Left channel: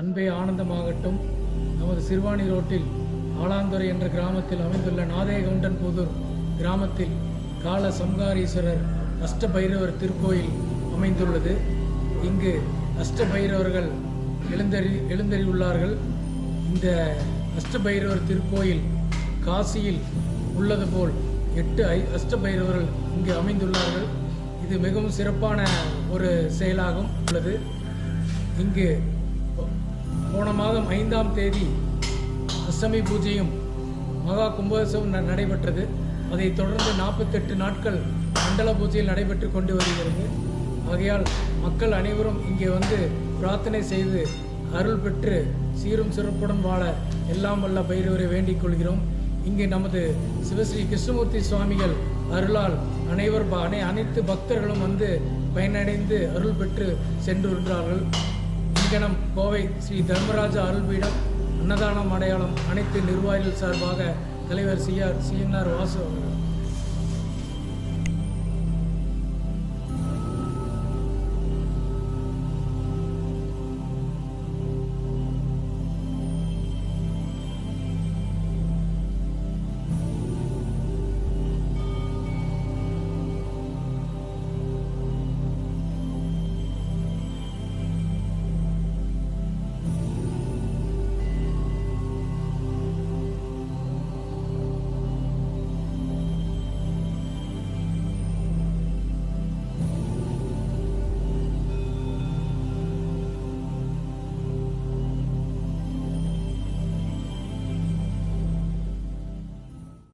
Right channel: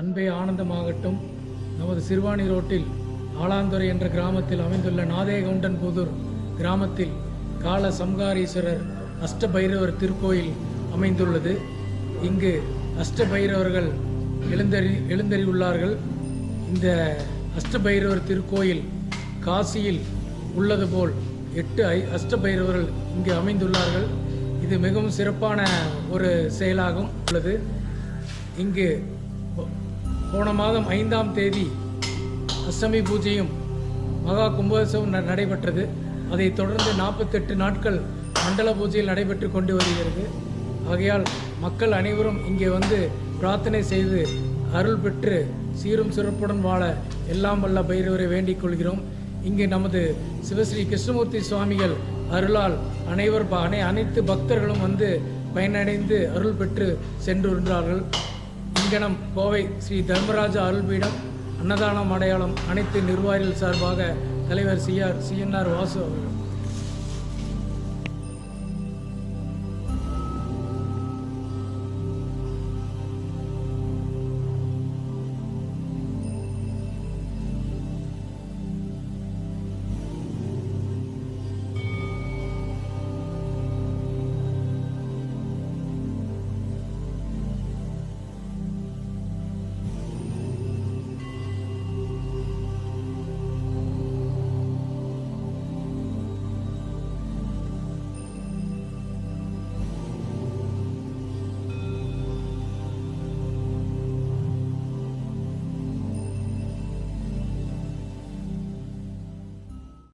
அன்பே ஆனந்தமாகட்டும். நமது சிறுவாணி ரோட்டில் ஆலாந்துறை என்ற கிராமத்தில் அமைந்துள்ள நாதேகவுண்டன்புதூர் கிராமத்தில் கால சம்ஹாரீஸ்வரர் அஷ்டபைரவர் திருக்கோயில் அமைந்துள்ளது. இங்கு அஷ்டபைரவர்கள் எழுந்தறியுள்ளார்கள். இந்த அஷ்டபைரவர் திருக்கோயில் காசியில் உள்ளது போல் 8 அஷ்டபைரவர்கள் இங்கு அமைந்துள்ளார்கள். இது மிகவும் சிறப்பான ஒரு செயலாகும் உள்ளது. இங்கு போன மாதம் 5ஆம் தேதி அஷ்டமி பூஜையும் மகா கும்பாபிஷேகம் நடைபெற்றது. அதைத் தொடர்ந்து 48 நாட்கள் மண்டல பூஜையில் நடைபெற்று கொண்டு வருகிறது. ஆகையால் மக்கள் அனைவரும் இங்கே வந்து பிரார்த்தனை செய்து அருள் பெற்று சீரும் சிறப்புடன் வாழ எல்லாம் வல்ல பைரவரை வேண்டிக் கொள்கிறோம். இங்கே நமது சிவஸ்ரீ கிருஷ்ணமூர்த்தி சுவாமிகள் அருளால் அனைத்து பக்தர்களும் வந்து பயனடைந்து அருள் பெற்று சென்றுள்ளார்கள். இங்கனம் கோவை ஸ்ரீ தர்மராஜா அருள்பீடம் அன்னதானம் அடையாளம் அனைத்து நிர்வாகிகள் சார்பாக தலைவர் CNR வாசு